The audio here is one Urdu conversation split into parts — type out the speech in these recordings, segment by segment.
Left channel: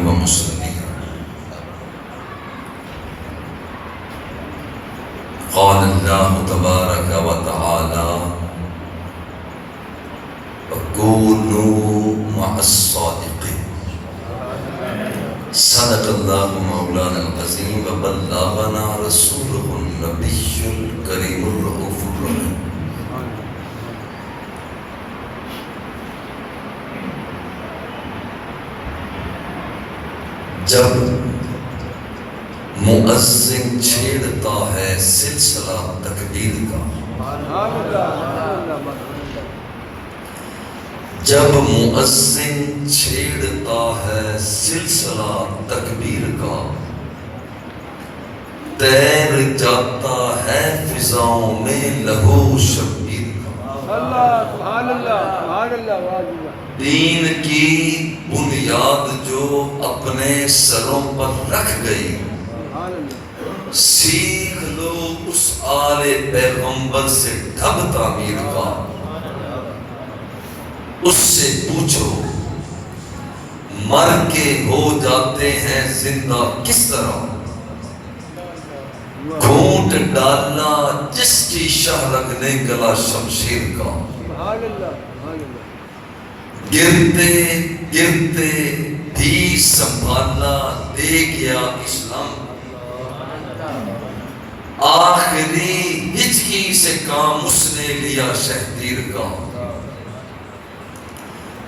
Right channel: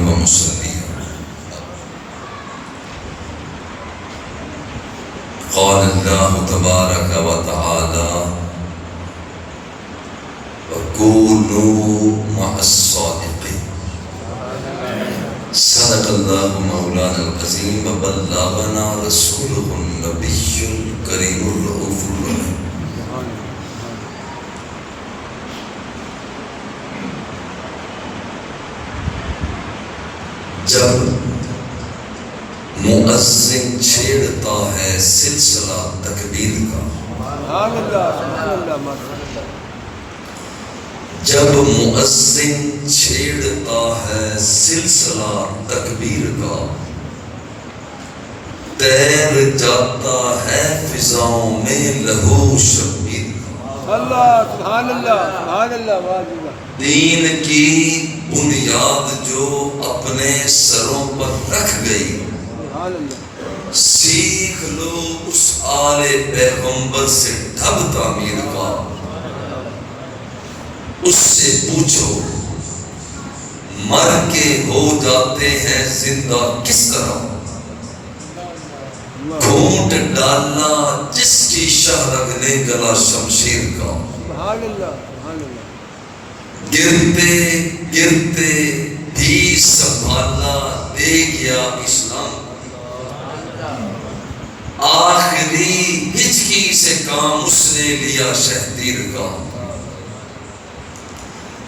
ومصليا. قال الله تبارك وتعالى وكونوا مع الصادقين. صدق الله مولانا العظيم وبلغنا رسوله النبي الكريم الرؤوف الرحيم. جب مؤذن چھیڑتا ہے سلسلہ تکبیر کا، جب مؤذن چھیڑتا ہے سلسلہ تکبیر کا، تیر جاتا ہے فضاؤں میں لہو شبیر کا. سبحان اللہ سبحان اللہ. دین کی بنیاد جو اپنے سروں پر رکھ گئی، سیکھ لو اس آل پیغمبر سے ڈھب تعمیر کا. اس سے پوچھو مر کے ہو جاتے ہیں زندہ کس طرح، گھونٹ ڈالنا جس کی شہرگ نے گلا شمشیر کا. گرتے گرتے بھی سنبھالا دے گیا اسلام، آخری ہچکی سے کام اس نے لیا شہدیر کا.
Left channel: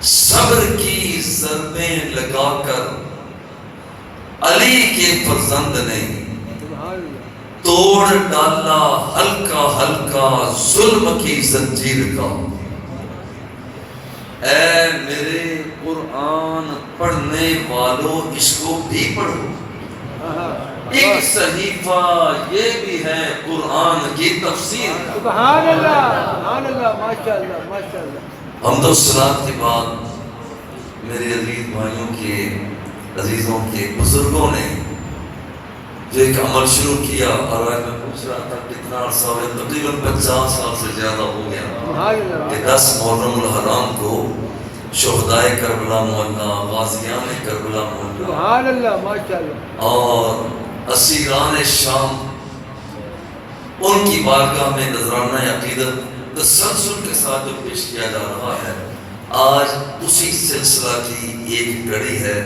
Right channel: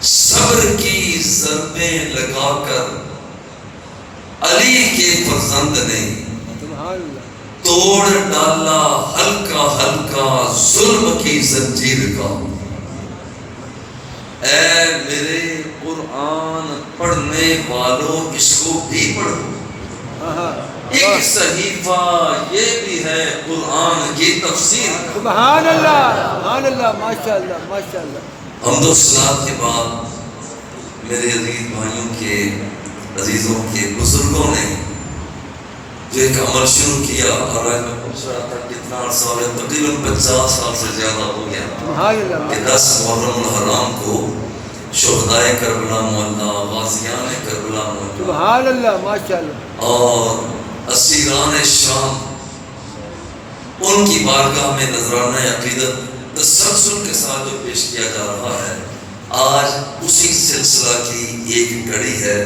صبر کی ضربیں لگا کر علی کے فرزند نے توڑ ڈالا ہلکا ہلکا ظلم کی زنجیر کا. اے میرے قرآن پڑھنے والوں اس کو بھی پڑھو، ایک صحیفہ یہ بھی ہے قرآن کی تفسیر. سبحان اللہ سبحان اللہ. ماشاء اللہ ماشاء اللہ. حمد و صلات کے بعد میرے عزیز بھائیوں کے عزیزوں کے بزرگوں نے جو ایک عمل شروع کیا، اور میں پوچھ رہا تھا کتنا عرصہ ہو گیا، تقریباً 50 سال سے زیادہ ہو گیا کہ 10 محرم الحرام کو شہدائے کربلا مولا، غازیان کربلا مولا، سبحان اللہ ماشاء اللہ، اور اسیران شام، ان کی بارگاہ میں نذرانہ عقیدت تسلسل کے ساتھ جو پیش کیا جا رہا ہے، آج اسی سلسلہ کی ایک کڑی ہے.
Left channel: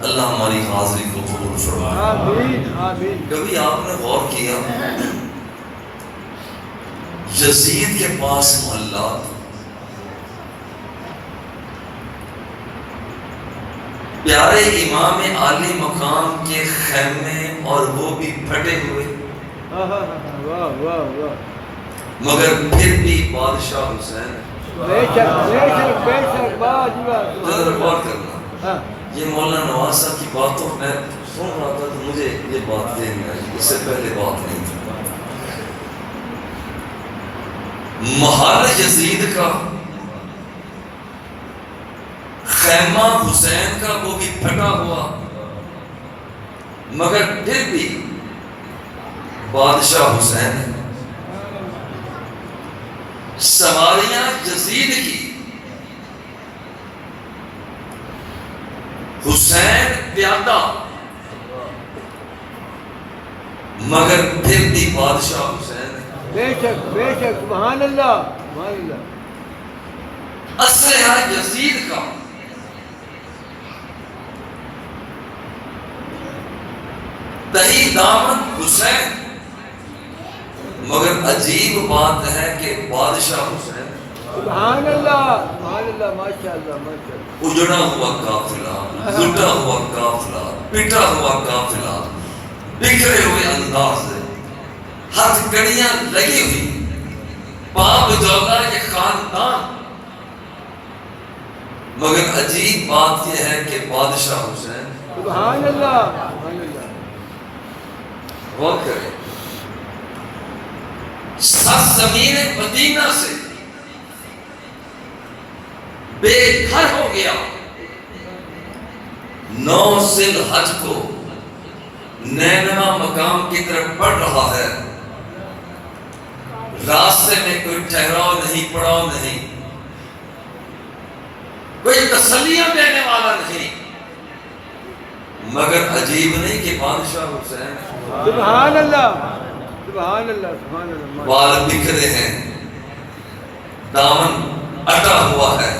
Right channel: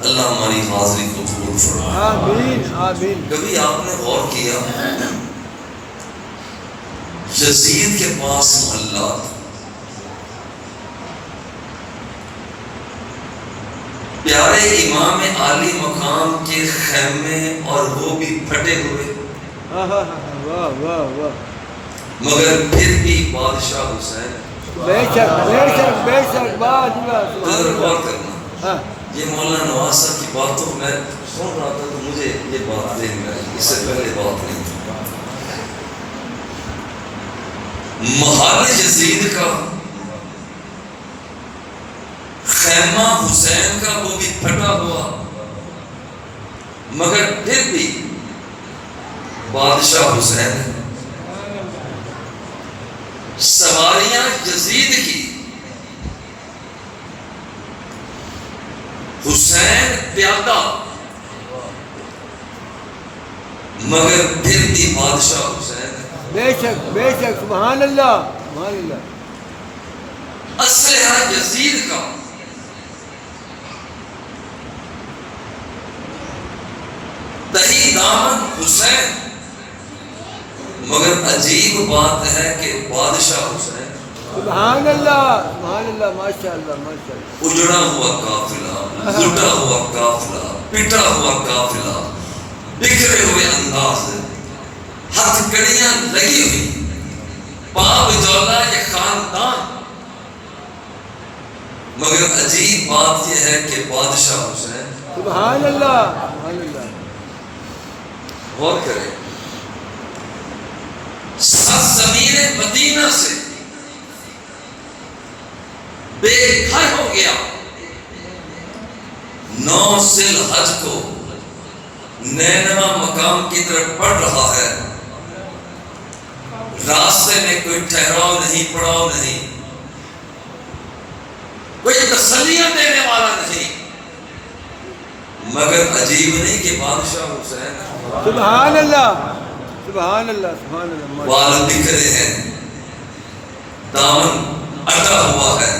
اللہ ہماری حاضری کو قبول فرمائے. آمین آمین. کبھی آپ نے غور کیا یزید کے پاس محلات، پیارے امام عالی مقام کے خیمے اور وہ بھی پھٹے ہوئے، واہ واہ واہ. مگر پھر بھی بادشاہ حسین ہے. بے شک بے شک بے شک. ذرا غور کرنا، یہ مولانا نواز صاحب کی باتوں میں سن رہا تھا تو مجھے یہ بات ذہن میں آئی، اس سے پہلے بات نہیں تھی. محل یزید کا، خیمہ حسین کا وہ بھی پھٹا ہوا، مگر پھر بھی بادشاہ حسین ہے. سواریاں یزید کی، حسین پیادہ، مگر پھر بھی بادشاہ حسین ہے. بے شک بے شک. سبحان اللہ سبحان اللہ. اسلحہ یزید کا، دہی دامن حسین، مگر عجیب بات ہے کہ بادشاہ حسین. سبحان اللہ سبحان اللہ. ماشاء اللہ ماشاء اللہ. اجڑا ہوا قافلہ، لٹا ہوا قافلہ، پٹا ہوا قافلہ، بکھرے ہوئے انداز، ہاتھ کڑیاں لگی ہوئی، پاپ جولا یہ خاندان، مگر عجیب بات یہ ہے کہ بادشاہ حسین. سبحان اللہ سبحان اللہ. غور کریں، سرزمین مدینہ سے بے گھر ہو گیا، 9 ذی الحج کو نینوا مقام کی طرف بڑھ رہا ہے. راستے میں کوئی ٹھہراؤ نہیں، پڑاؤ نہیں، کوئی تسلیاں دینے والا نہیں. مگر عجیب نہیں کہ بادشاہ حسین سبحان اللہ سبحان اللہ سبحان اللہ بال بکھرے ہیں، دامن اٹا ہوا ہے،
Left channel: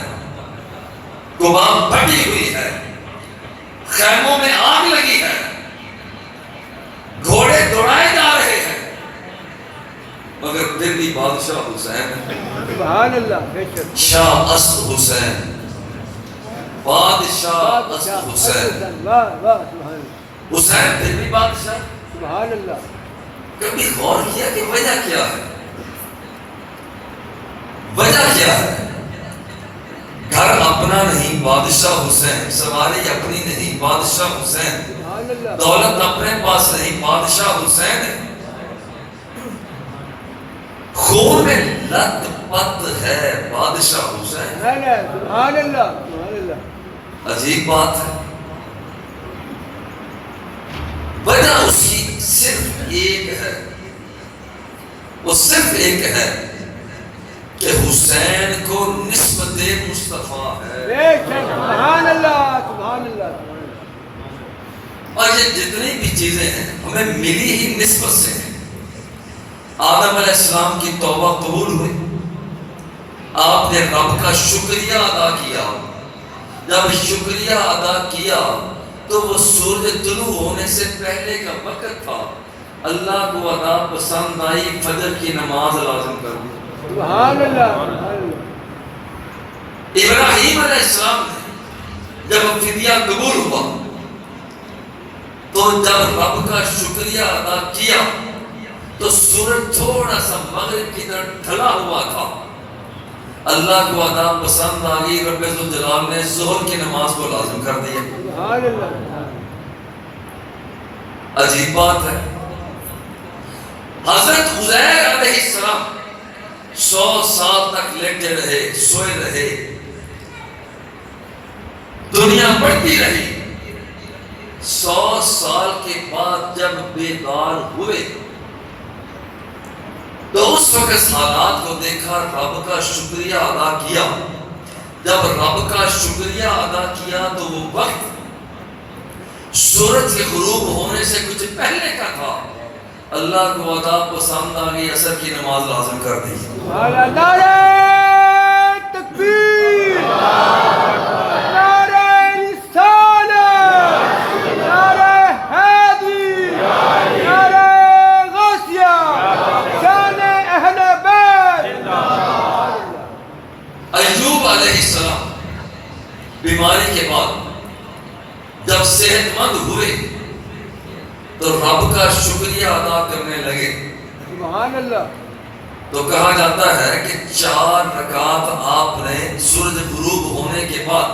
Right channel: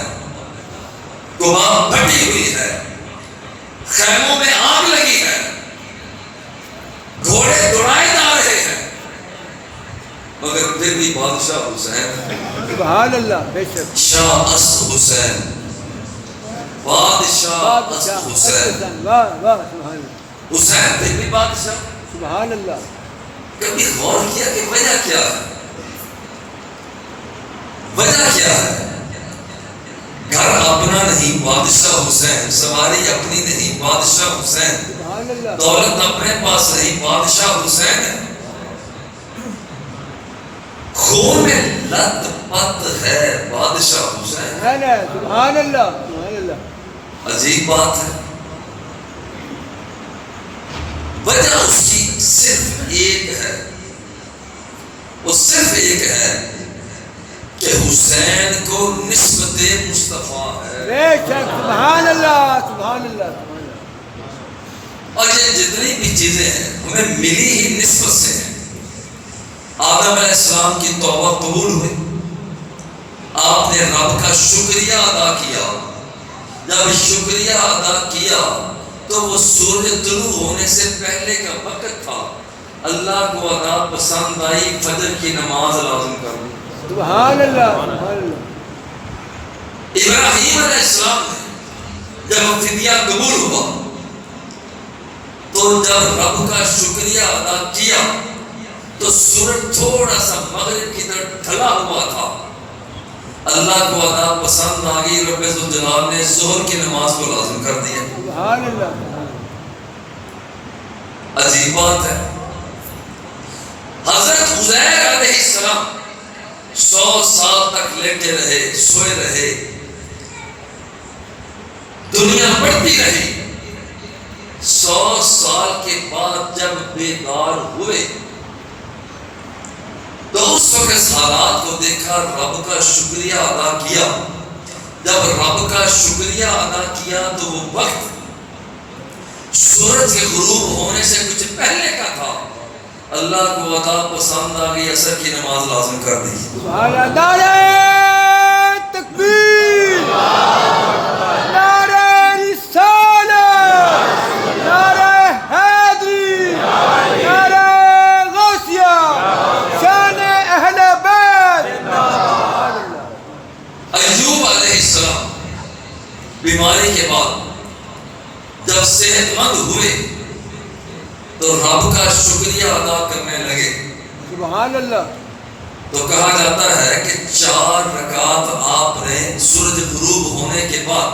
قبا پھٹی ہوئی ہے، خیموں میں آگ لگی ہے، گھوڑے دوڑائے جا رہے ہیں، مگر پھر بھی بادشاہ حسین، سبحان اللہ بے شک شاہ اسد حسین، بادشاہ اسد حسین، واہ واہ سبحان اللہ حسین پھر بھی بادشاہ۔ سبحان اللہ کبھی غور کیا کہ وجہ کیا ہے؟ وجہ کیا ہے؟ گھر اپنا نہیں بادشاہ حسین، سواری اپنی نہیں بادشاہ حسین، سبحان اللہ دولت اپنے پاس نہیں بادشاہ حسین، خون میں لت پت ہے بادشاہ حسین۔ سبحان اللہ سبحان اللہ عجیب بات ہے، وجہ اس کی صرف ایک ہے، وہ صرف ایک ہے کہ حسین کو نسبت مصطفیٰ ہے۔ بے شک سبحان اللہ سبحان اللہ اور یہ جتنی بھی چیزیں ہیں ہمیں ملی ہی نسبت سے ہیں۔ آدم علیہ السلام کی توبہ قبول ہوئی، آپ نے رب کا شکریہ ادا کیا، جب شکریہ ادا کیا تو وہ سورج طلوع ہونے سے پہلے کا وقت تھا، اللہ کو ادا پسند آئی، فجر کی نماز لازم کر دی۔ سبحان اللہ سبحان اللہ ابراہیم علیہ السلام نے جب فدیہ قبول ہوا تو جب رب کا شکریہ ادا کیا تو سورج تھوڑا سا مغرب کی طرف ڈھلا ہوا تھا، اللہ کو ادا پسند آ گئی، رب ذوالجلال نے ظہر کی نماز کو لازم کر دیا۔ سبحان اللہ عجیب بات ہے، حضرت عزیر علیہ السلام 100 سال تک لیٹے رہے، سوئے رہے، دنیا بڑھتی رہی، 100 سال کے بعد جب بیدار ہوئے تو اس وقت حالات کو دیکھا، رب کا شکریہ ادا کیا، جب رب کا شکریہ ادا کیا تو وہ وقت سورج کے غروب ہونے سے کچھ پہلے کا تھا، اللہ کو ادا پسند آ گئی، عصر کی نماز لازم کر دی۔ سبحان اللہ نعرہ تکبیر نعرہ رسالت نعرہ حیدری نعرہ غوثیہ شان اہل بیت۔ ایوب علیہ السلام بیماری کے بعد جب صحت مند ہوئے تو رب کا شکریہ ادا کرنے لگے، سبحان اللہ تو کہا جاتا ہے کہ 4 رکعت آپ نے سورج غروب ہونے کے بعد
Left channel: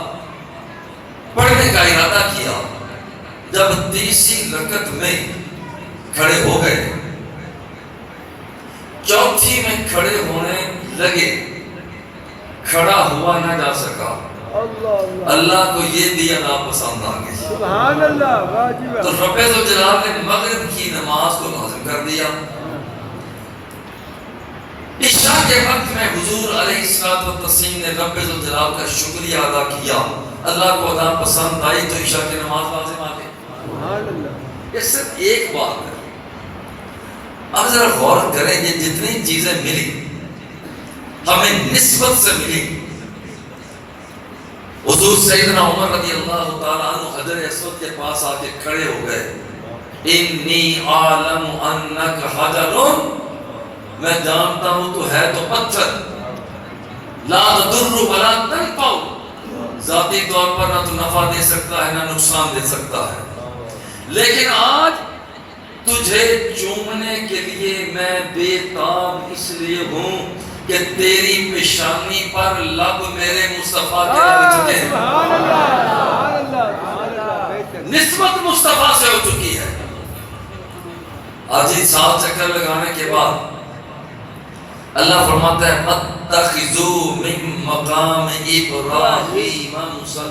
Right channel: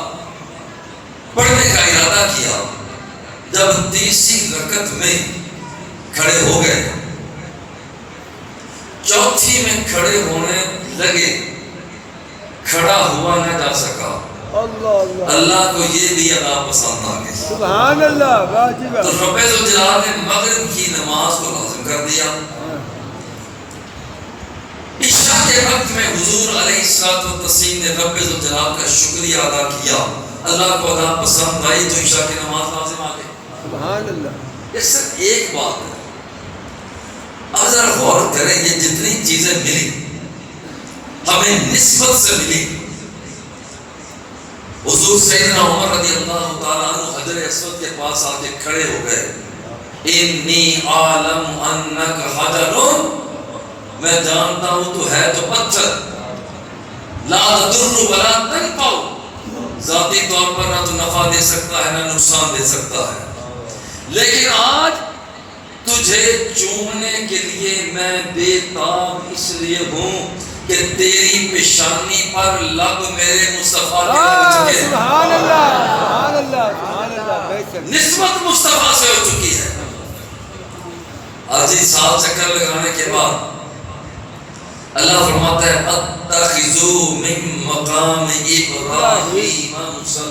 پڑھنے کا ارادہ کیا، جب تیسری رکعت میں کھڑے ہو گئے، چوتھی میں کھڑے ہونے لگے، کھڑا ہوا نہ جا سکا، اللہ اللہ کو یہ بھی ادا پسند آ گئی، سبحان اللہ واجب تو رب ذوالجلال نے مغرب کی نماز کو لازم کر دیا۔ عشاء کے وقت میں حضور علیہ السلام نے رب ذوالجلال کا شکریہ ادا کیا، اللہ کو ادا پسند آئی تو عشاء کی نماز لازم آ گئی۔ سبحان اللہ یہ صرف ایک بات ہے، اب ذرا غور کریں، یہ جتنی چیزیں ملی ہمیں نسبت سے ملی۔ حضور سیدنا عمر رضی اللہ تعالیٰ عنہ حجر اسود کے پاس آ کے کھڑے ہو گئے، انی عالم انک حجر، میں جانتا ہوں تو ہے تو پتھر، لا تضر ولا تنفع، ذاتی طور پر نہ تو نفع دے سکتا ہے نہ نقصان دے سکتا ہے، لیکن آج تجھے چومنے کے لیے میں بے تاب اس لیے ہوں کہ تیری پیشانی پر لب میرے مصطفیٰ کے لگ چکے ہیں۔ سبحان اللہ سبحان اللہ سبحان اللہ بے شک نسبت مصطفیٰ سے ہو چکی ہے۔ آج ہی سال چکر لگانے کے بعد اللہ فرماتا ہے اتخذوا من مقام ابراہیم مصلی،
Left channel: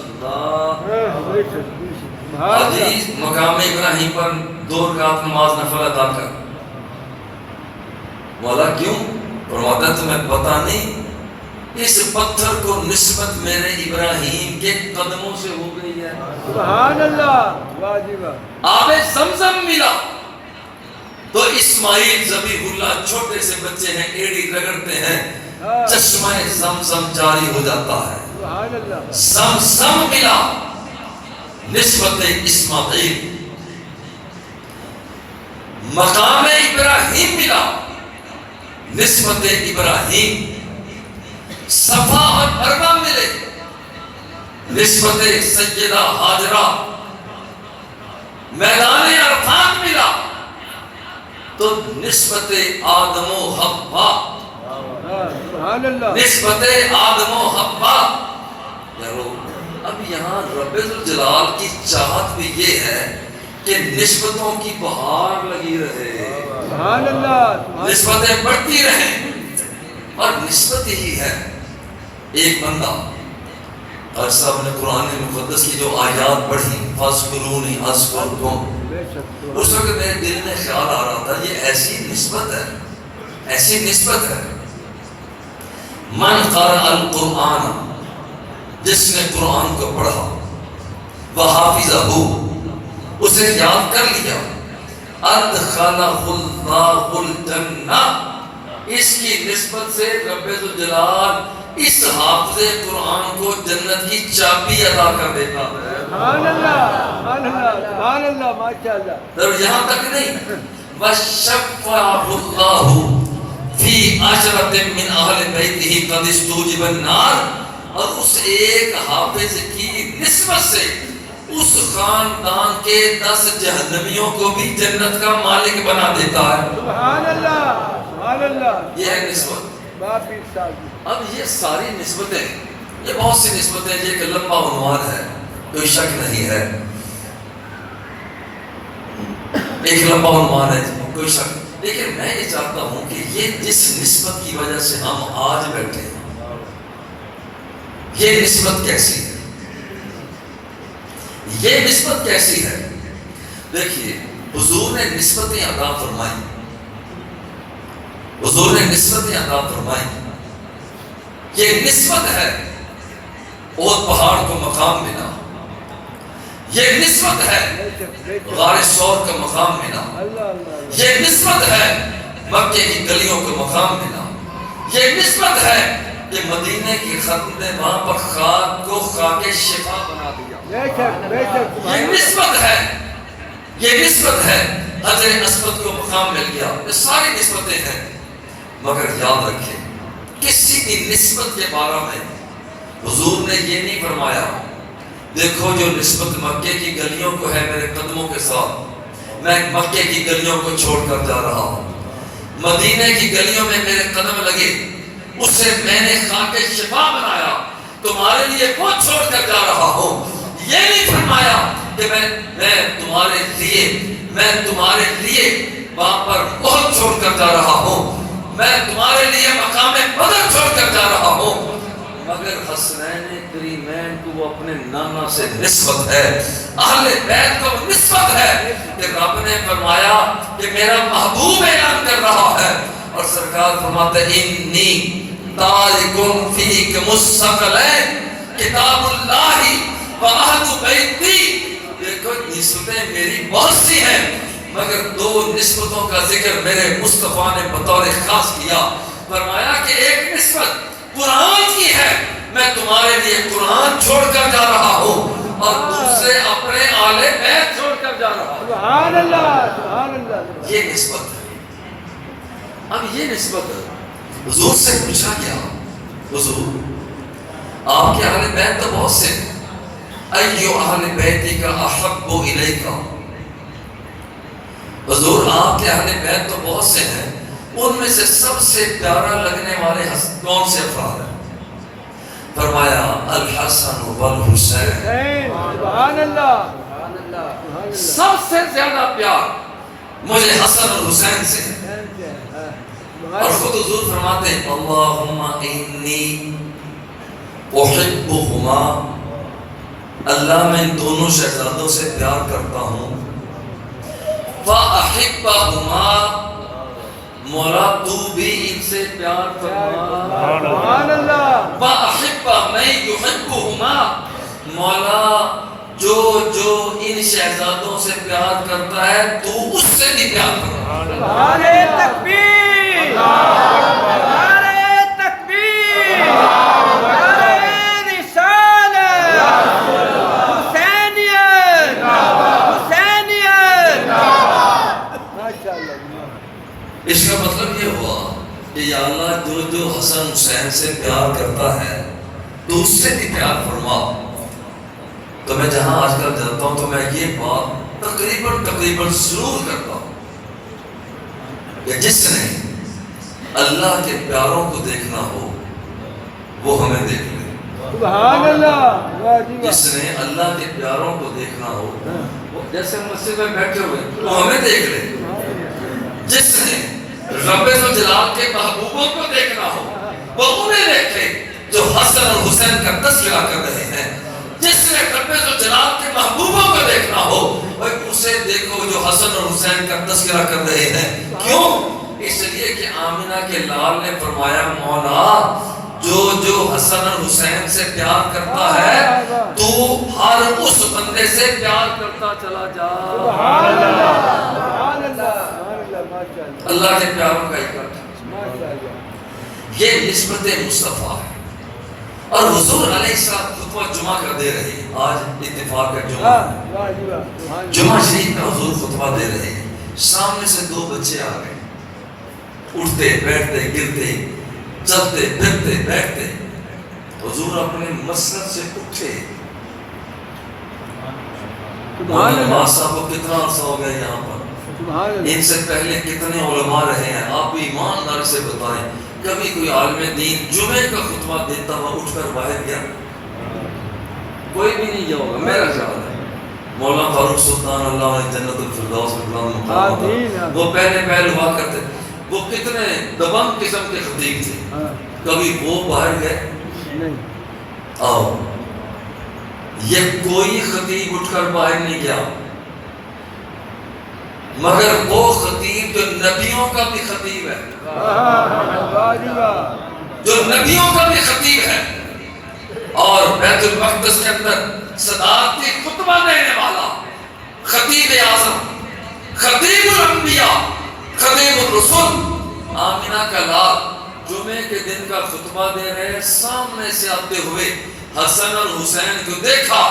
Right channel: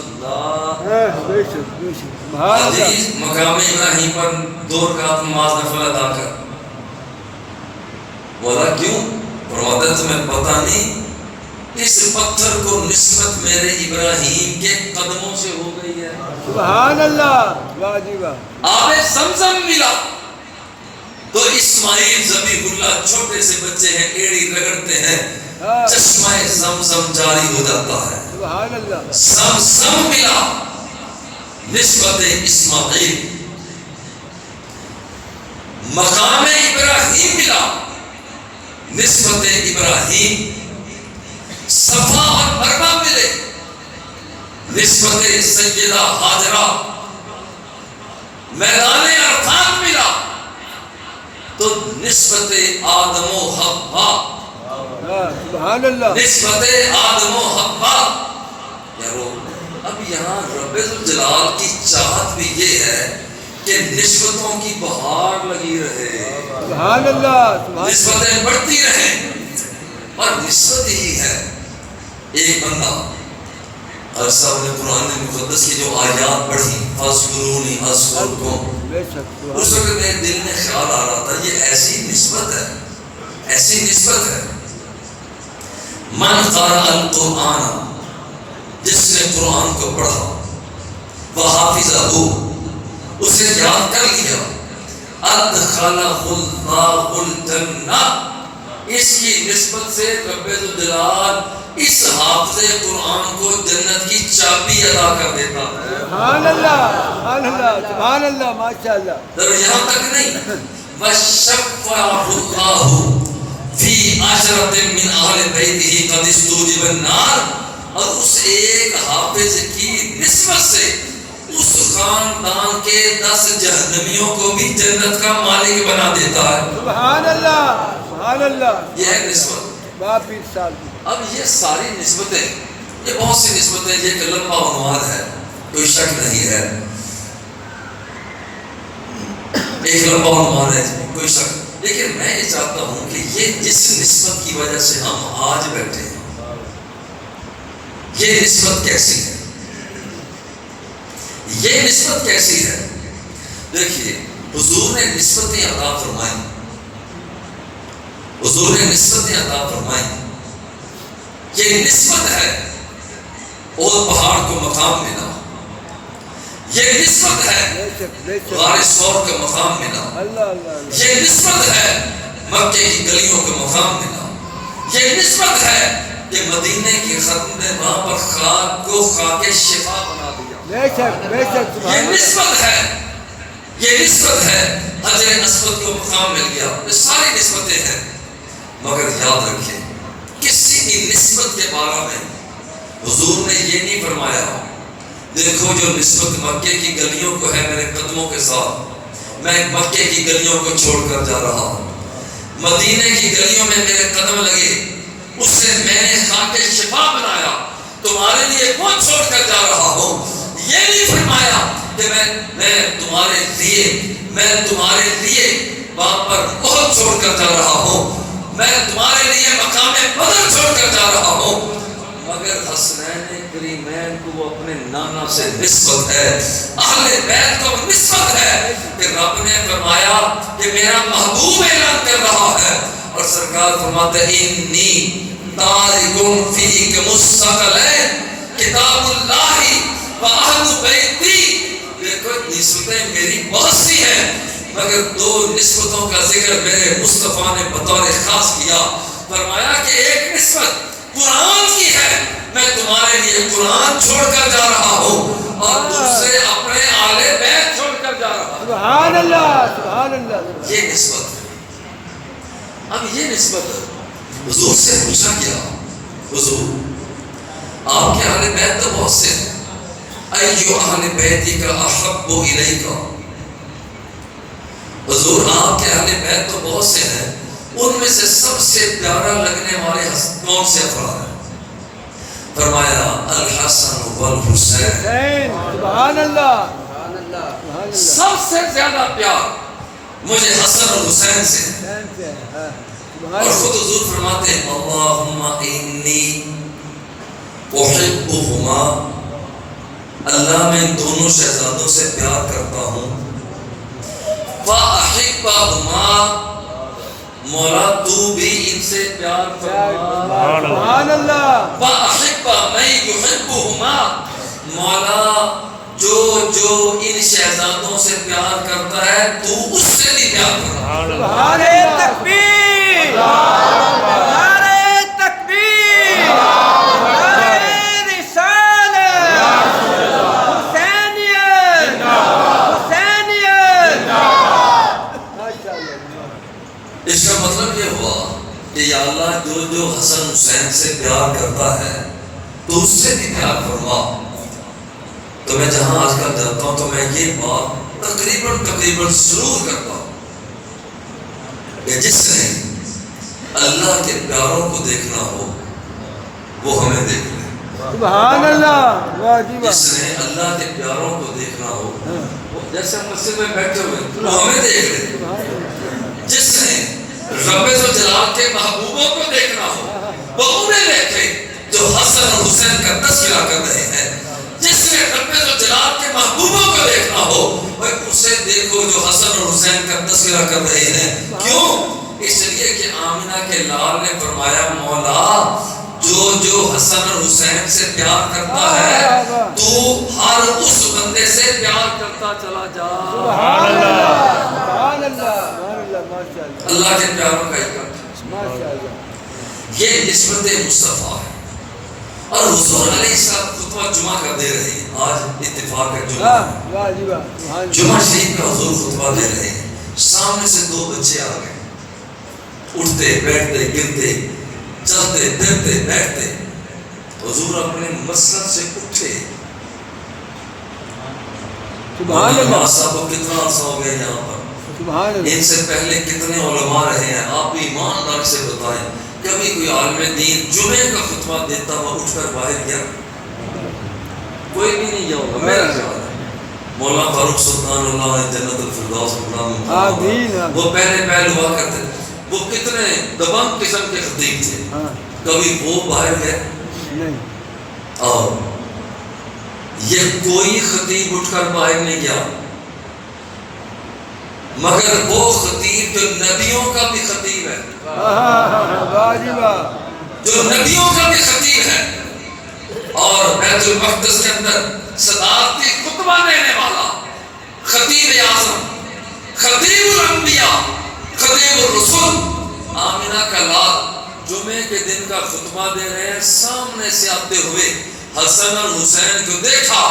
بے شک بے شک سبحان آج اللہ ہی مقام ابراہیم پر 2 رکعت نماز نفل ادا کر۔ مولا کیوں؟ فرماتا ہے تمہیں پتہ نہیں اس پتھر کو نسبت میرے ابراہیم کے قدموں سے ہو گئی ہے۔ سبحان اللہ واہ واہ جی واہ. آب زمزم ملا تو اسماعیل ذبیح اللہ چھوٹے سے بچے ہیں، ایڑی رگڑتے ہیں، چشمہ زمزم جاری ہو جاتا ہے. سبحان اللہ. زمزم ملا نسبت اسماعیل، مقام ابراہیم ملا نسبت ابراہیم، صفا اور مروہ ملے نسبت سیدہ ہاجرہ، میدان عرفات ملا تو نسبت آدم و حوا، سبحان اللہ. نسبت آدم و حوا. یارو اب یہاں رب الجلال کی چاہت بھی یہ ہے کہ نسبتوں کی بہار لگی رہے، سبحان اللہ. نسبتیں بڑھتی رہیں. اور نسبت ہی ہے ایک بندہ اور صاحب نے قرآن مقدس کی جو آیات پڑھی فَاذْكُرُونِي أَذْكُرْكُمْ، بے شک. اس وقت میرے دل میں خیال آ رہا تھا یہ ایسی نسبت ہے، ایسی نسبت ہے. من قرأ القرآن، جس نے قرآن کو پڑھا، وحافظہ، اسے یاد کر لیا، ادخلہ اللہ الجنہ، اس کی نسبت سے رب الجلال اس حافظ قرآن کو جنت کی چابی ادا کر دیتا ہے. سبحان اللہ. سبحان اللہ. سبحان اللہ. ماشاء اللہ. اور یہاں تک نہیں، وَشَفَّعَهُ اللَّهُ فِي عَشْرَةٍ مِّنْ أَهْلِ بَيْتِهِ قَدِ اسْتُوجِبَ النَّارِ، اور اس ایک حافظ کی نسبت سے اس خاندان کے 10 جہنمیوں کو بھی جنت کا مالک بنا دیتا ہے. سبحان اللہ. سبحان اللہ. یہ ہے نسبت. باپی صاحب. اب یہ ساری نسبتیں، یہ بہت سی نسبتیں، یہ ایک لمبا عنوان ہے، کوئی شک نہیں ہے، ایک لمبا عنوان ہے، کوئی شک. لیکن میں یہ چاہتا ہوں کہ یہ جس نسبت کی وجہ سے ہم آج بیٹھے ہیں، یہ نسبت کیسی ہے، یہ نسبت کیسی ہے. دیکھیے حضور نے نسبتیں عطا فرمائیں، حضور نے نسبتیں عطا فرمائیں. یہ نسبت ہے اور پہاڑ کو مقام ملا، یہ نسبت ہے غار ثور کا مقام ملا، یہ نسبت ہے مکے کی گلیوں کا مقام ملا، یہ نسبت ہے کہ مدینے کی ختم نے وہاں پر خاک کو خاک شفا بنا دیا. یہ نسبت ہے، یہ نسبت ہے حجر اسود کو مقام مل گیا. یہ ساری نسبتیں ہیں. مگر یاد رکھیں کسی بھی نسبت کے بارے میں حضور نے یہ نہیں فرمایا دیکھو جو نسبت مکے کی گلیوں کو ہے میرے قدموں کے ساتھ، میں مکے کی گلیوں کو چھوڑ کر جا رہا ہوں، مدینے کی گلیوں میں میرے قدم لگے، اس سے میں نے خاک شفا بنایا، تمہارے لیے وہ چھوڑ کر جا رہا ہوں. یہ نہیں فرمایا کہ میں تمہارے لیے وہاں پر بہت چھوڑ کر جا رہا ہوں، میں تمہارے لیے مقام بدر چھوڑ کر جا رہا ہوں. مگر حسنین کریمین کو وہ اپنے نانا سے نسبت ہے، اہل بیت کو نسبت ہے کہ رب نے فرمایا کہ میرا محبوب اعلان کر رہا ہے، اور سرکار فرماتے انی تارکم فیک مستقلین کتاب اللہ و اہل بیتی. دیکھو نسبتیں میری بہت سی ہیں، مگر 2 نسبتوں کا ذکر میرے مصطفیٰ نے بطور خاص کیا. فرمایا کہ ایک نسبت قرآن کی ہے، میں تمہارے لیے قرآن چھوڑ کر جا رہا ہوں، اور دوسرے اپنے آل بیت چھوڑ کر جا رہا ہوں. سبحان اللہ. سبحان اللہ. یہ نسبت ہے. اب یہ نسبت حضور سے پوچھا گیا، حضور آپ کے اہل بیت تو بہت سے ہیں، ایو اہل بیتی کا احب الیک، حضور آپ کے اہل بیت تو بہت سے ہیں، ان میں سے سب سے پیارا لگنے والے کون سے افراد ہیں؟ فرمایا الحسن والحسین. سبحان اللہ. سب سے زیادہ پیار مجھے حسن اور حسین سے ہے. اور خود حضور فرماتے ہیں اللہم انی احبہما، اللہ میں دونوں شہزادوں سے پیار کرتا ہوں، وَأَحِبَّهُمَا، مولا تو بھی ان سے پیار فرما، سبحان اللہ. وَأَحِبَّ مَن يُحِبُّهُمَا، مولا جو ان شہزادوں سے پیار کرتا ہے تو اس سے بھی پیار کرتا ہے. نعرہ تکبیر، نعرہ تکبیر، نعرہ رسالت، حسینیت، حسینیت. اس کا مطلب یہ ہوا کہ یا اللہ جو حسن حسین سے پیار کرتا ہے تو اس سے بھی پیار فرما. تو میں جہاں آج کل جاتا ہوں تو میں یہ بات تقریباً ضرور کرتا ہوں کہ جس نے اللہ کے پیاروں کو دیکھنا ہو وہ ہمیں دیکھ لے. سبحان اللہ، واہ جی واہ. جس نے اللہ کے پیاروں کو دیکھنا ہو وہ جیسے ہم مسجد میں بیٹھے ہوئے وہ ہمیں دیکھ لے. جس نے رب ذوالجلال کے محبوبوں کو دیکھنا ہو وہ انہیں دیکھے جو حسن اور حسین کا تذکرہ کر رہے ہیں. جس نے رب ذوالجلال کے محبوبوں کو دیکھنا ہو وہ اسے دیکھو جو حسن اور حسین کا تذکرہ کر رہے ہیں. کیوں؟ اس لیے کہ آمینہ کے لال نے فرمایا مولا جو حسن اور حسین سے پیار کرتا ہے تو ہر اس بندے سے پیار کرتا چلا جا. سبحان اللہ، سبحان اللہ، سبحان اللہ، ماشاء اللہ، اللہ کے پیاروں کا اکٹھ ماشاء اللہ. یہ نسبت مصطفیٰ ہے. اور حضور علیہ السلام خطبہ جمعہ کا دے رہے ہیں. آج اتفاق ہے جمعہ واہ واہ جی واہ. سبحان اللہ. جمعہ شریف کا حضور خطبہ دے رہے ہیں. سامنے سے دو بچے آ گئے, اٹھتے بیٹھتے گرتے چلتے پھرتے بیٹھتے. حضور اپنے مسند سے اٹھے. سبحان اللہ. نواز صاحب کو کتنا عرصہ ہو گیا یہاں پر, سبحان اللہ. ان سے پہلے کتنے علماء رہے ہیں, آپ بھی ایماندار سے بتائیں. کبھی کوئی عالم دین جمعے کا خطبہ دیتا ہوا اٹھ کر باہر گیا؟ کوئی بھی نہیں گیا ہوگا, میرا خیال ہے. مولانا فاروق سلطان اللہ علیہ جنت الفردوس میں وہ پہلے ہوا کرتے, وہ کتنے دبنگ قسم کے خطیب تھے. کبھی وہ باہر گئے؟ نہیں. آؤ, یہ کوئی خطیب اٹھ کر باہر نہیں گیا, مگر وہ خطیب جو نبیوں کا بھی خطیب ہے, واہ جی واہ. جو نبیوں کا بھی خطیب ہے, اور بیت المقدس کے اندر صدارتی خطبہ دینے والا خطیب اعظم, خطیب الانبیاء, خطیب الرسول, آمینہ کا لال جمعے کے دن کا خطبہ دے رہے ہیں. سامنے سے آتے ہوئے حسن اور حسین کو دیکھا,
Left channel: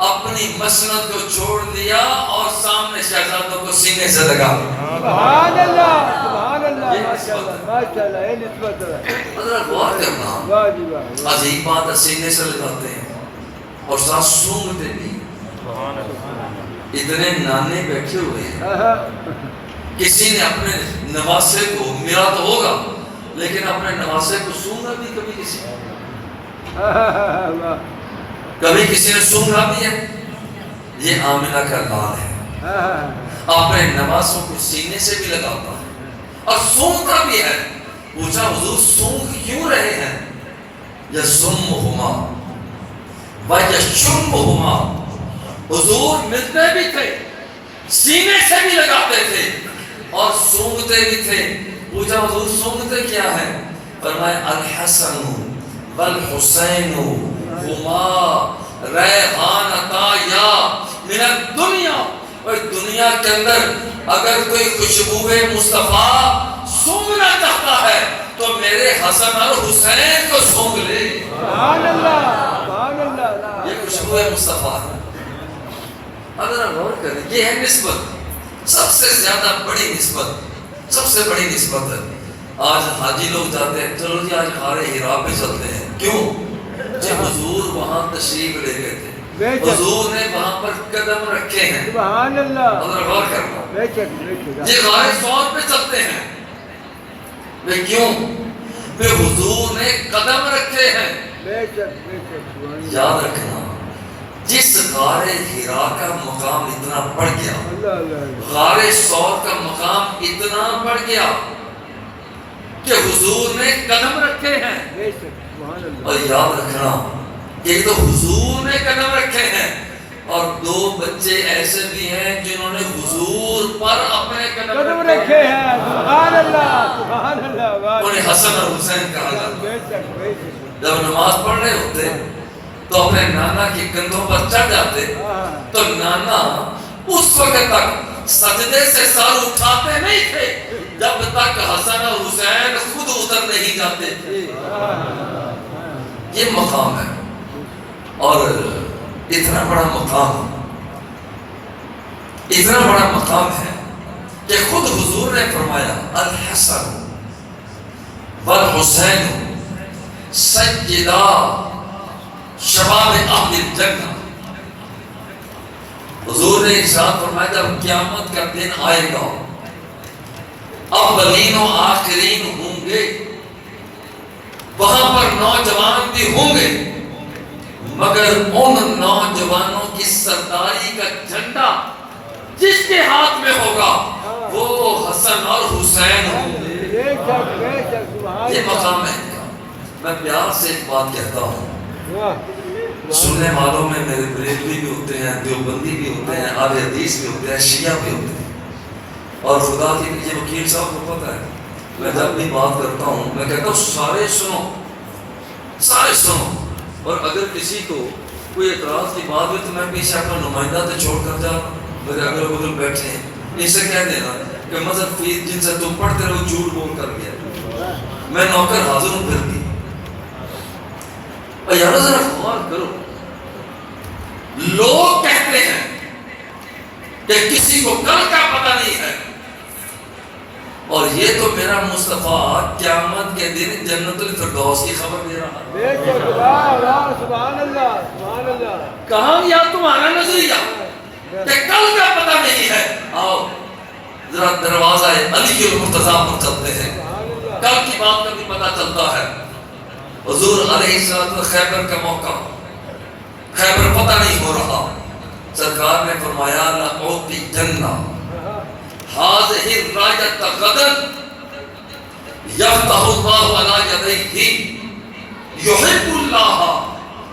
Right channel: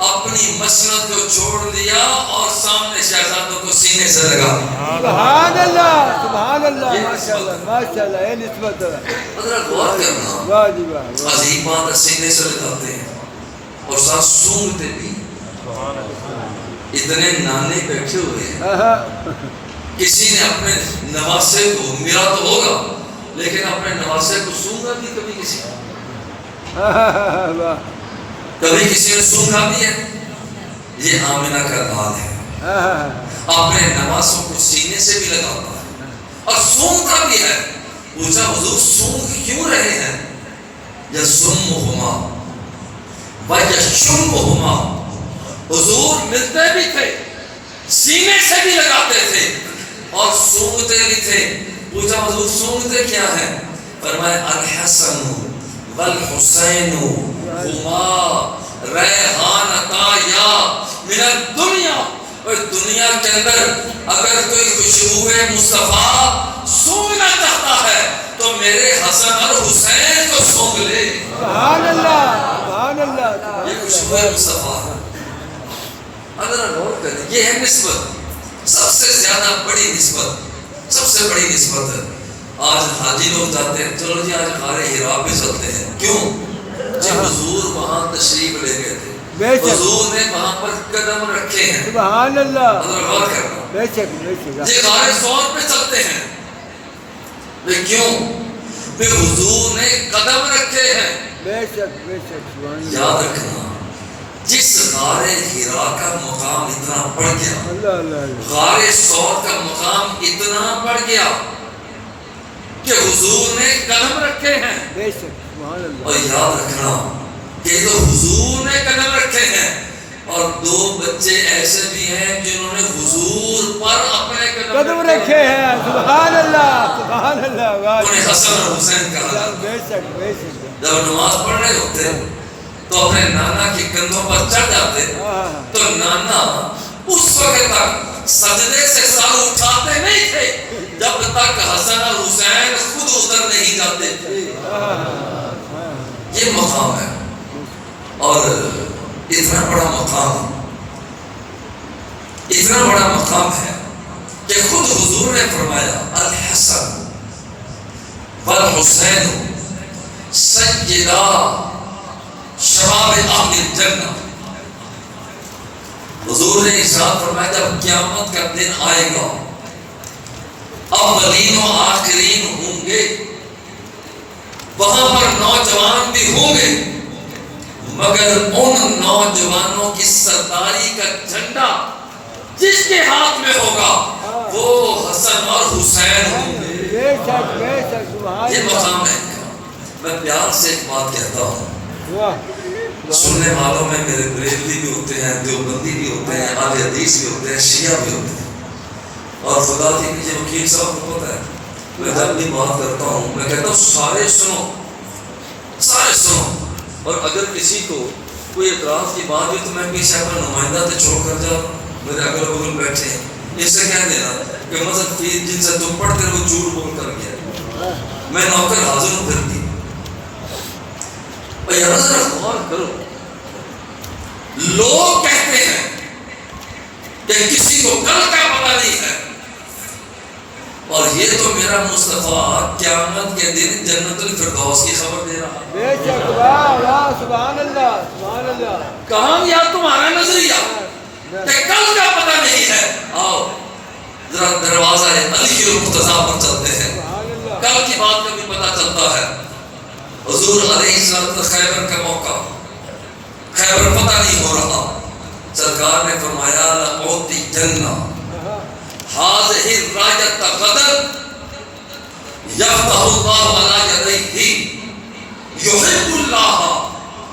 اپنی مسند کو چھوڑ دیا اور سامنے شہزادوں کو سینے سے لگا. سبحان اللہ, سبحان اللہ, ماشاء اللہ, ماشاء اللہ. یہ نسبت ہے. ذرا غور کرنا, واہ جی واہ. عجیب بات ہے, سینے سے لگاتے ہیں اور ساتھ سونگتے بھی. اتنے نانے بیٹھے ہوئے ہیں, کسی نے اپنے نواسے کو ملا تو ہوگا لیکن اپنے نواسے کو سونگا بھی کبھی کسی کبھی کسی نے سونگا بھی ہے. یہ آمینہ کا لال ہے, اپنے نواسوں کو سینے سے بھی لگاتا ہے اور سونگتا بھی ہے. پوچھا حضور سونگ کیوں رہے ہیں؟ یزمہما ویشمہما. حضور ملتے بھی تھے, سینے سے بھی لگاتے تھے اور سونگتے بھی تھے. پوچھا حضور سونگتے کیا ہے؟ فرمایا الحسن والحسین ہما ریحانتا یا من الدنیا. اور دنیا کے اندر اگر کوئی خوشبو مصطفیٰ سونگنا چاہتا ہے تو میرے حسن اور حسین کو سونگ لے. سبحان اللہ, سبحان اللہ. یہ خوشبو مصطفیٰ ہے. اگر غور کریں, یہ ہے نسبت, سب سے زیادہ بڑی نسبت, سب سے بڑی نسبت ہے. آج حاجی لوگ جاتے ہیں, چلو جی آج غار حرا پہ چلتے ہیں. کیوں؟ جب حضور وہاں تشریف لے گئے تھے, حضور نے وہاں پر قدم رکھے ہیں. سبحان اللہ. اگر غور کرنا, بے شک, بے شک. یہ غار ثور پہ چلتے ہیں. وہ کیوں؟ کہ حضور نے قدم رکھے ہیں. بے شک, بے شک. یاد رکھنا, جس غار حرا کا مقام اتنا بڑھ گیا, اللہ اللہ. غار ثور کا مقام اتنا بڑھ گیا کہ حضور نے قدم رکھے ہیں. بے شک, سبحان اللہ. اور یاد رکھنا کہ تو حضور نے قدم رکھے ہیں, اور دو بچے ایسے بھی ہیں جنہوں نے حضور پر اپنے قدم رکھے ہیں. سبحان اللہ, سبحان اللہ. واہ. انہیں حسن اور حسین کہا جاتا. بے شک, بے شک. جب نماز پڑھ رہے ہوتے تو اپنے نانا کے کندھوں پر چڑھ جاتے تو نانا اس وقت تک سجدے سے سر اٹھاتے نہیں تھے جب تک حسن اور حسین خود اتر نہیں جاتے تھے. یہ مقام ہے اور اتنا بڑا مقام ہے کہ خود حضور نے فرمایا الحسن والحسین سیدا شباب اہل الجنہ. حضور نے ارشاد فرمایا جب قیامت کا دن آئے گا اولین و آخرین ہوں گے, وہاں پر نوجوان بھی ہوں گے, مگر ان نوجوانوں کی سرداری کا جھنڈا جس کے ہاتھ میں ہوگا وہ حسن اور حسین ہوں گے. یہ مقام ہے. میں پیار سے ایک بات کہتا ہوں, سننے والوں میں میرے بریلوی بھی ہوتے ہیں, دیوبندی بھی ہوتے ہیں, اہل حدیث بھی ہوتے ہیں, شیعہ بھی ہوتے ہیں, اور خدا کی یہ وکیل صاحب کو پتہ ہے میں جب بھی بات کرتا ہوں میں کہتا ہوں سارے سنو, اور اگر کسی کو کوئی اعتراض کی بات ہوئی تو میں پیچھے اپنا نمائندہ سے چھوڑ کر جاؤں, میرے اگل بغل بیٹھے ہیں, اس سے کہہ دینا کہ مذہب کی جن سے تم پڑھتے رہے وہ جھوٹ بول کر گیا, میں نوکر حاضر ہوں پھر بھی. اور یار ذرا غور کرو, لوگ کہتے ہیں کہ کسی کو کل کا پتہ نہیں ہے, اور یہ تو میرا مصطفیٰ قیامت کے دن جنت الفردوس کی خبر دے رہا ہے. سبحان اللہ سبحان اللہ. کہاں یا تمہارا نظریہ کہ کل کا پتہ نہیں ہے. آؤ ذرا دروازہ علی المرتضیٰ پر چلتے ہیں, کل کی بات کا بھی پتہ چلتا ہے. حضور علیہ السلام خیبر کا موقع, خیبر پتہ نہیں ہو رہا, سرکار نے فرمایا لأعطی جنہ هذه الراية غدا يفتح الله على يديه يحب الله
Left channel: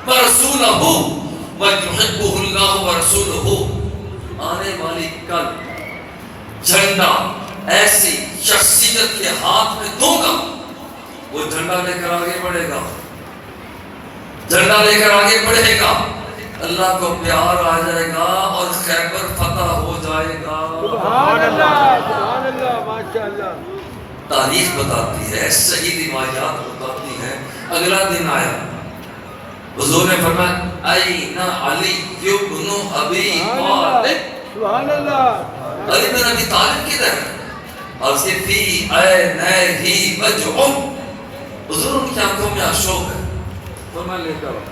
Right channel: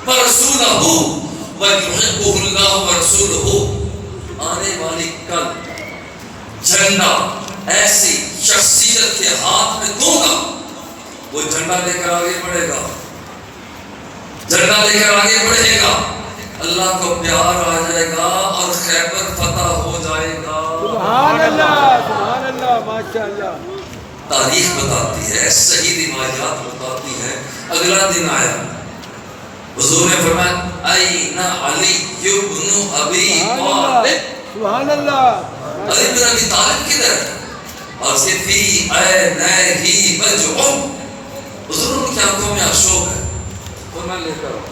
ورسوله ويحبه الله ورسوله. آنے والی کل جھنڈا ایسی شخصیت کے ہاتھ میں دوں گا, وہ جھنڈا لے کر آگے بڑھے گا, جھنڈا لے کر آگے بڑھے گا, اللہ کو پیار آ جائے گا اور خیبر فتح ہو جائے گا. سبحان اللہ ماشاءاللہ. تاریخ بتاتی ہے, صحیح روایات بتاتی ہیں. اگلا دن آیا, حضور نے فرمایا این علی ابن ابی طالب. سبحان اللہ. علی بن ابی طالب کدھر ہے؟ اور سے فی عینیہ وجع, حضور کی آنکھوں میں آشوب ہے. فرمایا لے کر آؤ,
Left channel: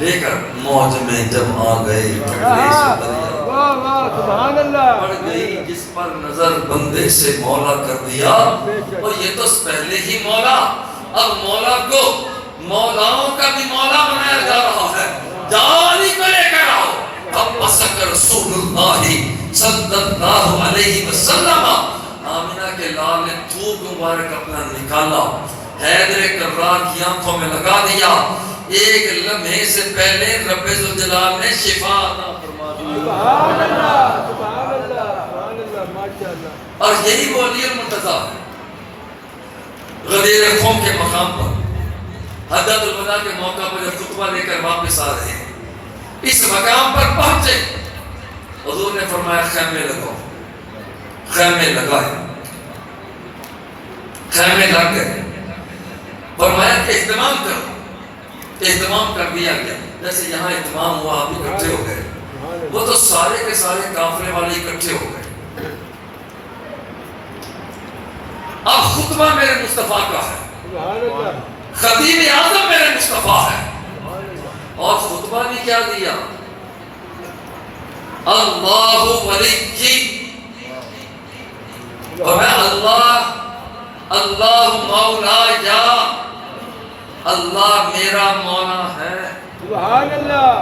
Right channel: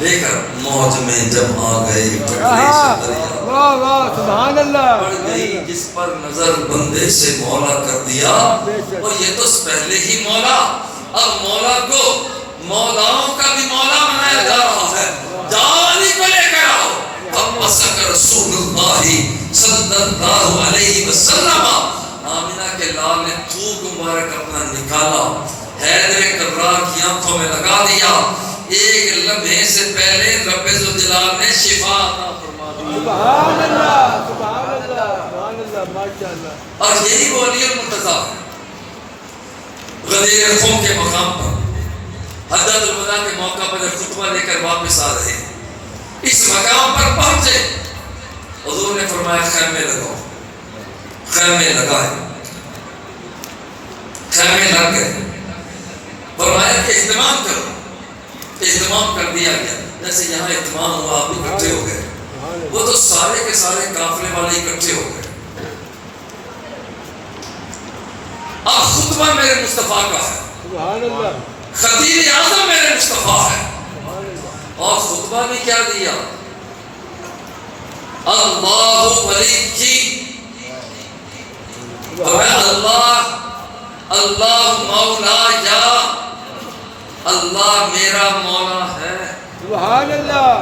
لے کر موج میں جب آ گئے پھٹنے سے دریا سبحان اللہ پڑ گئی جس پر نظر بندے سے مولا کر دیا. اور یہ تو پہلے ہی مولا, اب مولا کو مولاؤں کا بھی مولا بنایا جا رہا ہے. جالی کو لے کر آؤ. اب مسک رسول اللہ صلی اللہ علیہ وسلم, آمینہ کے لال نے تھوک مبارک اپنا نکالا, حیدر کرار کی آنکھوں میں لگا دیا. ایک لمحے سے پہلے رب ذوالجلال نے شفا عطا فرما دی. سبحان اللہ سبحان اللہ سبحان اللہ ماشاءاللہ. اور یہی وہ علی المرتضیٰ غدیر قوم کے مقام پر حجۃ الوداع کے موقع پر جب خطبہ لے کر واپس آ رہے ہیں, اس مقام پر پہنچے, حضور نے فرمایا خیمے لگاؤ. خیمے لگائے, خیمے لگ گئے. فرمایا کہ اہتمام کرو. اہتمام کر دیا گیا. جیسے یہاں اہتمام ہوا آپ اکٹھے ہو گئے, وہ تو سارے کے سارے کافرے والے اکٹھے ہو گئے. اب خطبہ میرے مصطفیٰ کا ہے, سبحان اللہ. خطیب اعظم میرے مصطفیٰ ہے, اور خطبہ بھی کیا دیا, اللہ ولی, اور میں اللہ مولا یا اللہ میرا مولا ہے. سبحان اللہ.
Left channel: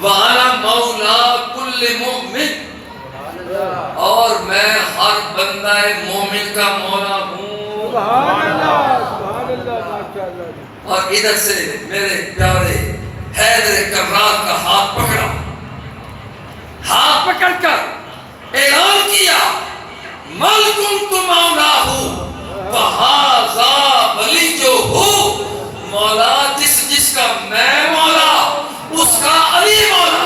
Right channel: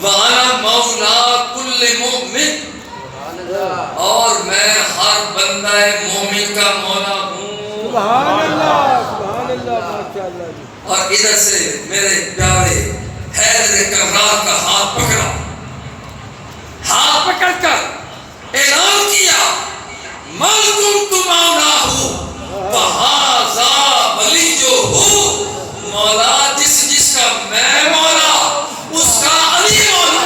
وَأَنَا مَوْلَا كُلِّ مُؤْمِنٍ, اور میں ہر بندہ مومن کا مولا ہوں. سبحان اللہ سبحان اللہ ماشاءاللہ. اور ادھر سے میرے پیارے حیدر کرار کا ہاتھ پکڑا, ہاتھ پکڑ کر اعلان کیا مَنْ كُنْتُ مَوْلَاهُ وَهَذَا وَلِيُّهُ, مولا جس کا میں مولا اس کا علی مولا.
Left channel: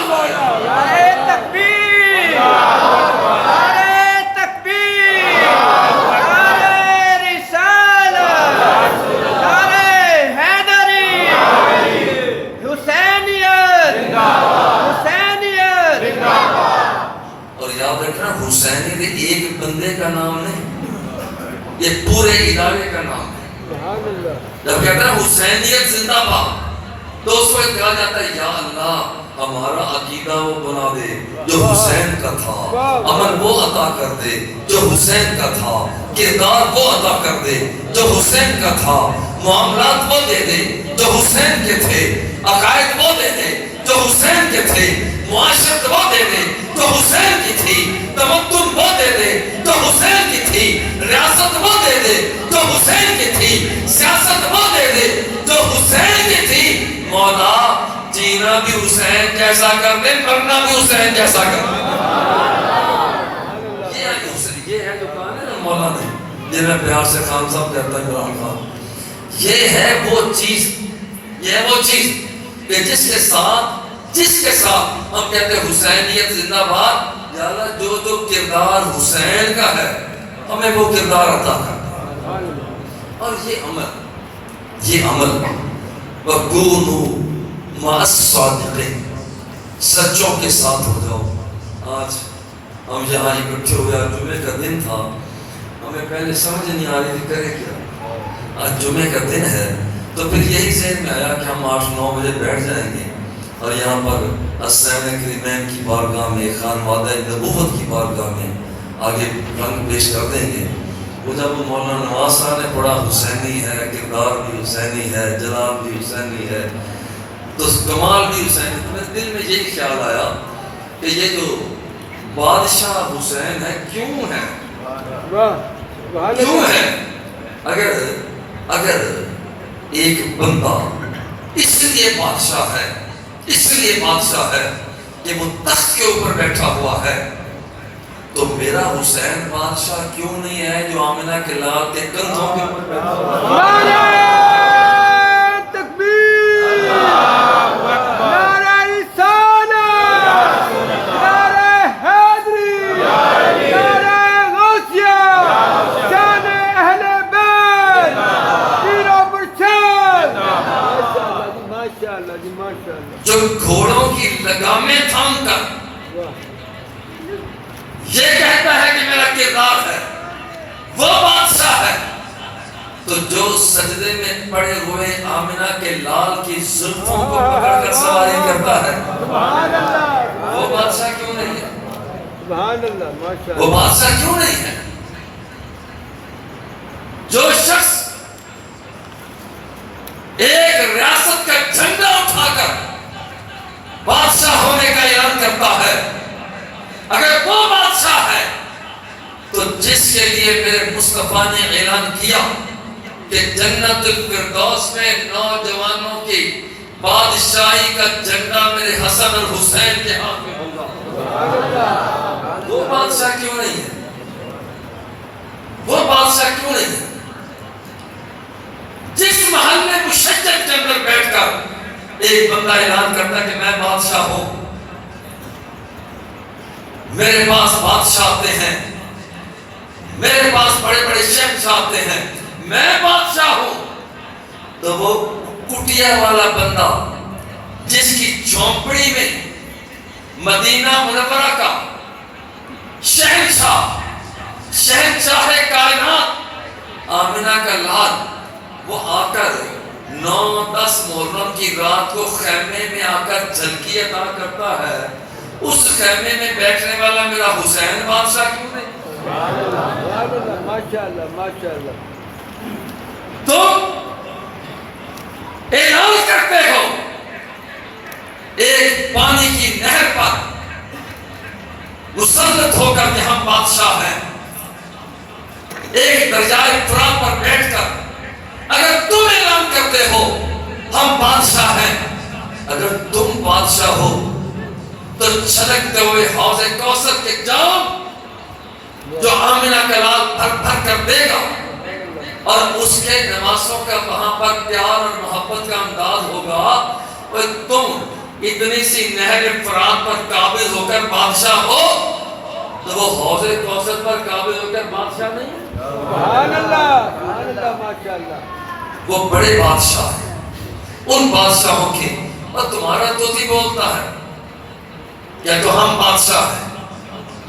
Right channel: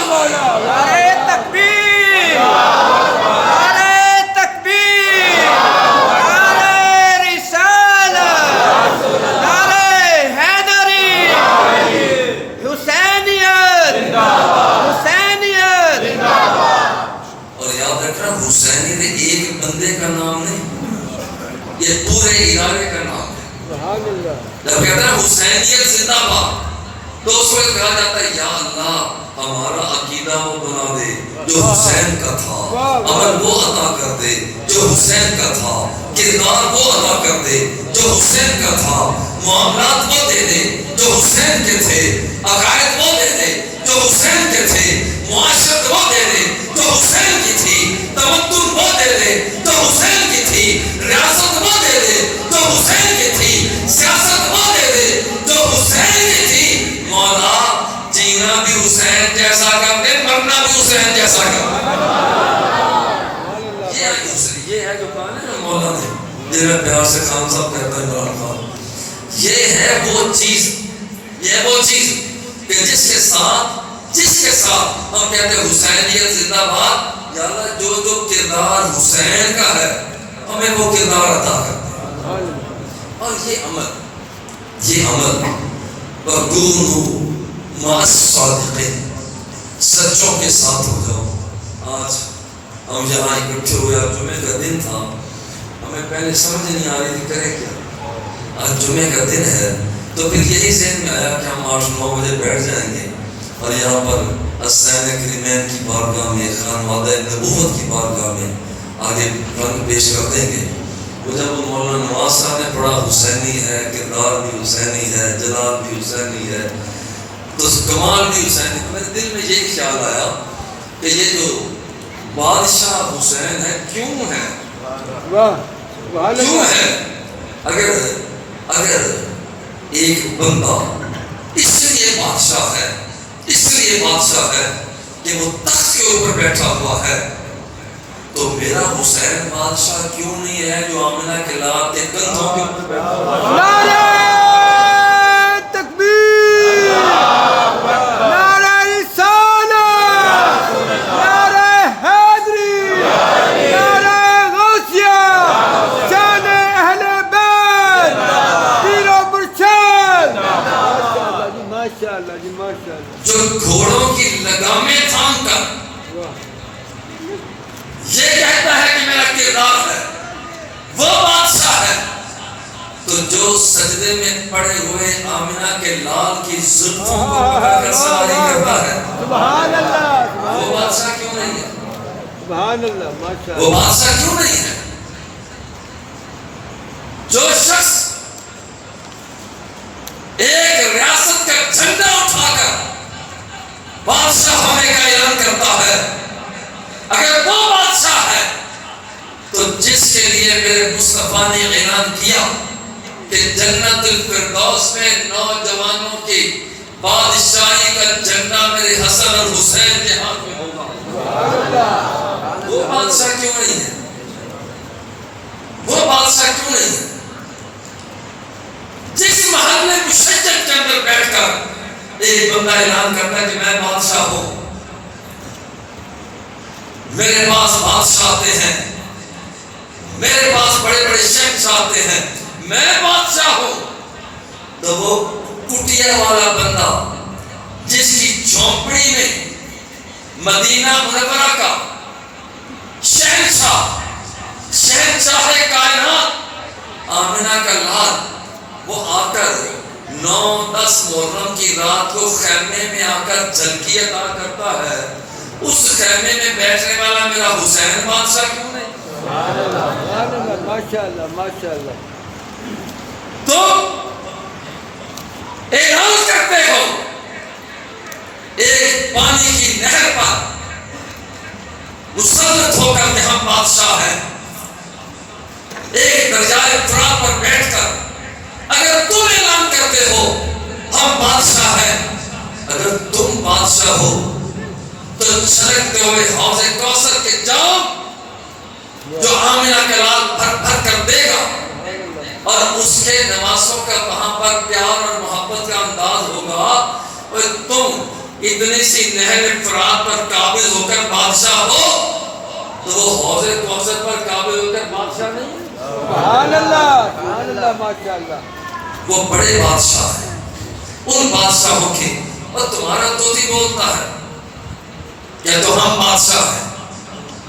کہا جاتا ہے یا اللہ ہمارا عقیدہ وہ بنا دے جو حسین کا تھا، عمل وہ عطا کر دے جو حسین کا تھا، کردار وہ عطا کر دے جو حسین کا تھا، معاملات وہ دے دے جو حسین کے تھے، عقائد وہ دے دے جو حسین کے تھے، معاشرت وہ دے دے جو حسین کی تھی، تمدن وہ دے دے جو حسین کی تھی، ریاست وہ دے دے جو حسین کی تھی، سیاست وہ دے دے جو حسین کی تھی۔ مولا جینا بھی حسین جیسا کر دے، مرنا بھی حسین جیسا کر دے۔ یہ ہے جو کہا نا مولا نے، جنہیں پیار سے خان صاحب کہتا ہے عمران خان، یہ ہے وہ چیز، یہ ہے وہ چیز کہ جس کے ساتھ ہم کہتے ہیں حسینیت زندہ باد، یا اللہ جو جو کردار حسین کا ہے ہمیں وہ کردار عطا کر۔ اور یہ عمل وَكُونُوا مَعَ الصَّادِقِينَ، سچوں کے ساتھ ہو جاؤ۔ آج ہم یہاں اکٹھے ہوئے، جمعے کا دن تھا، ہمیں پہلے سمجھ نہیں آ رہی تھی کرے کیا، آج جمعے کا دن ہے تو پھر یہی ذہن میں آیا کہ ہم 8-9 بجے بیٹھ جائیں گے اور یہاں پر حسین کریمین کی بارگاہ میں، خانوادہ نبوت کی بارگاہ میں آگے رنگ پیش کر دیں گے۔ وہ جب مولانا نواز صاحب نے پڑھا حسینی ہے، کردار بھی حسینی ہے، جلال بھی حسینی ہے، تو کمال بھی حسینی، میرے دل میں یہی خیال آیا کہ یہ جو بادشاہ حسین ہے کیوں ہے؟ کیوں ہے؟ اگر ایک بندہ اس لیے بادشاہ ہے کہ وہ تخت کے اوپر بیٹھا ہوا ہے، تو میرا حسین بادشاہ کیوں نہیں ہے جو آمنہ کے لال کے کندھوں کے اوپر بیٹھا ہوا ہے؟ نعرہ تکبیر، نعرہ رسالت، نعرہ حیدری، نعرہ غوثیہ، شان اہل بیت، پیر و مرشد۔ ماشاءاللہ جی، ماشاءاللہ۔ جو گھوڑوں کی لگامیں تھام کر یہ کہتا ہے کہ میرا کردار ہے، وہ بادشاہ ہے، تو جو سجدے میں پڑے ہوئے آمنہ کے لال کی زلفوں کو پکڑ کر سواری کرتا ہے، وہ بادشاہ کیوں نہیں ہے؟ سبحان اللہ، ماشاءاللہ۔ وہ بادشاہ کیوں نہیں ہے؟ جو شخص ایک ریاست کا جھنڈا اٹھا کر بادشاہ ہونے کا اعلان کرتا ہے، اگر وہ بادشاہ ہے تو جس کے لیے میرے مصطفیٰ نے اعلان کیا کہ جنت الفردوس میں نوجوانوں کی بادشاہی کا جھنڈا میرے حسن اور حسین کے ہاتھ میں ہوگا، وہ بادشاہ کیوں نہیں ہے؟ وہ بادشاہ کیوں نہیں ہے؟ جس محل میں مشجع کے اندر بیٹھ کر ایک بندہ اعلان کرتا ہے کہ میں بادشاہ ہوں، میرے پاس بادشاہ آتے ہیں، میرے پاس بڑے بڑے شہنشاہ آتے ہیں، میں بادشاہ ہوں، تو وہ کٹیا والا بندہ جس کی جھونپڑی میں مدینہ منورہ کا شہنشاہ کائنات آمنہ کا لال، وہ آ کر 9-10 محرم کی رات کو خیمے میں آ کر جھلکی عطا کرتا ہے، اس خیمے میں بیٹھنے والا میرا حسین بادشاہ کیوں نہیں؟ ماشاءاللہ، ماشاءاللہ۔ تم اعلان کرتے ہو ایک پانی کی نہر پر مسلط ہو کر کہ ہم بادشاہ ہیں، ایک دریائے فرات پر بیٹھ کر اگر تم اعلان کرتے ہو ہم بادشاہ ہیں، اگر تم بادشاہ ہو تو چھلکتے ہوئے حوض کوثر کے جام جو آمنہ کا لال بھر بھر کر دے گا، اور اس کے نوازوں کا وہاں پر پیار اور محبت کا انداز ہوگا، اور تم اتنی سی نہر فرات پر قابض ہو کر بادشاہ ہو، تو وہ حوض کوثر پر قابض ہو کر بادشاہ نہیں ہے؟ سبحان اللہ، سبحان اللہ، ماشاءاللہ۔ وہ بڑے بادشاہ ہیں، ان بادشاہوں کے، اور تمہارا طوطی بولتا ہے کیا تو ہم بادشاہ ہیں،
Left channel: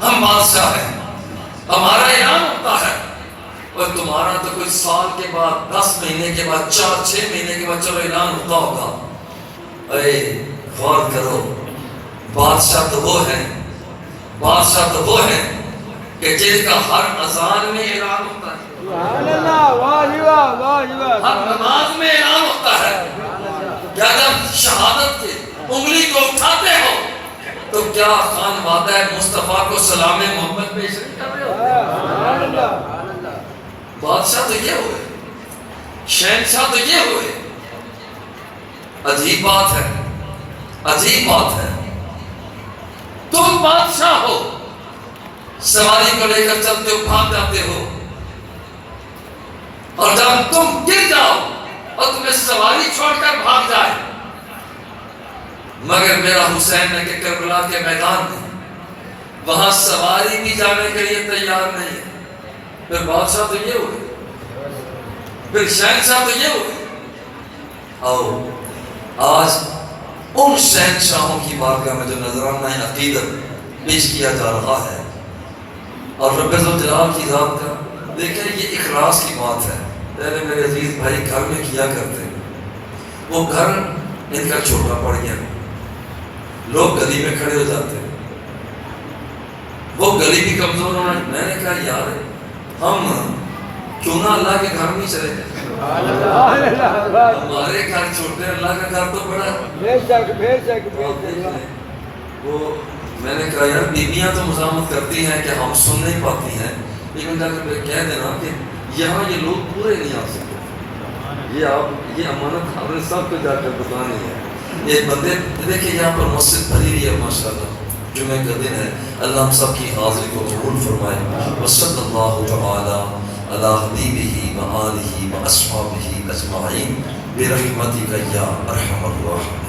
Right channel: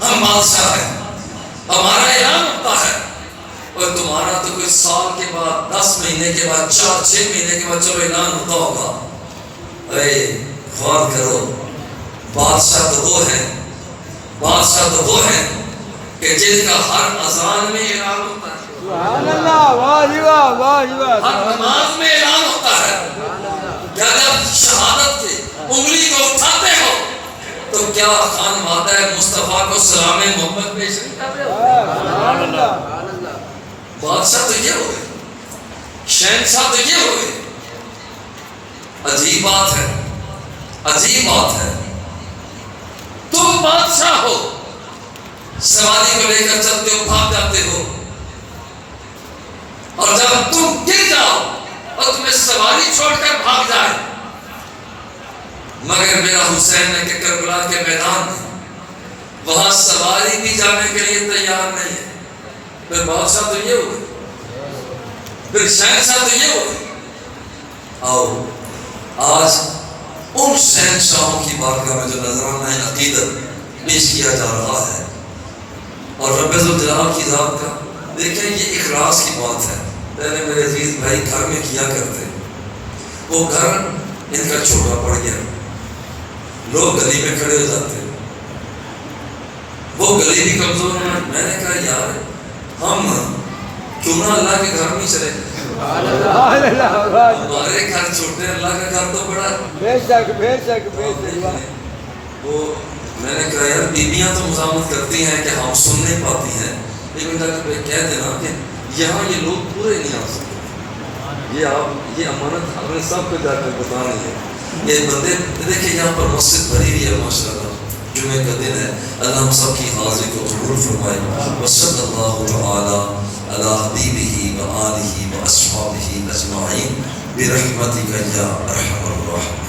ہم بادشاہ ہیں، ہمارا اعلان ہوتا ہے، اور تمہارا تو کوئی سال کے بعد، 10 مہینے کے بعد، 4-6 مہینے کے بعد چلو اعلان ہوتا ہوگا، اے غور کرو، بادشاہ تو وہ ہے، بادشاہ تو وہ ہے کہ جن کا ہر اذان میں اعلان ہوتا ہے، سبحان اللہ، واہ جی واہ، واہ جی واہ، ہر نماز میں اعلان ہوتا ہے کہ اگر شہادت کی انگلی کو اٹھاتے ہو تو کیا خان مادہ مصطفیٰ کو سلام محمد پیش نہیں کر رہے ہو؟ سبحان اللہ، بادشاہ تو یہ ہوئے، شہنشاہ تو یہ ہوئے۔ عجیب بات ہے، عجیب بات ہے، تم بادشاہ ہو، سواری کو لے کر چلتے ہو، بھاگ جاتے ہو، اور جب تم گر جاؤ اور تمہیں سواری چھوڑ کر بھاگ جائے، مگر میرا حسین ہے کہ کربلا کے میدان میں وہاں سواری بھی جانے کے لیے تیار نہیں ہے، پھر بادشاہ تو یہ ہوئے، پھر شہنشاہ تو یہ ہوئے۔ آؤ آج ان شہنشاہوں کی بارگاہ میں جو نذرانہ عقیدت پیش کیا جا رہا ہے، اور رب الجلال کی ذات کا دیکھیں یہ اخلاص کی بات ہے۔ پہلے میرے عزیز بھائی گھر میں کیا کرتے، وہ گھر ان کا چھوٹا پڑ گیا، لوگ گلی میں کھڑے ہو جاتے، وہ گلی بھی کمزور ہونا۔ میں نے کہا یار ہم کیوں نہ اللہ کے گھر میں چلے، سبحان اللہ، واہ، ہمارے گھر چھوٹے، اللہ کا گھر تو بڑا ہے۔ بے شک بے شک بے آپ شک، دیکھیں، وہ میں نے کہا یار بیویاں تو مزاحمت کرتی ہیں کہ ہم سن نہیں پاتی ہیں، لیکن جا کر کہہ دینا کہ یہاں یہ لوگ پورے نہیں آ سکتے، یہ امانت ہم نے سب کو جا کر بتانی ہے۔ یہ بندے دیکھیں یہاں پر مسجد بھری ہوئی ہے ماشاءاللہ، جمعے کا دن ہے، اللہ ہم سب کی حاضری کو قبول فرمائے۔ وصلی اللہ تعالی علی حبیبہ و آلہ و اصحابہ اجمعین برحمتک یا ارحم الراحمین۔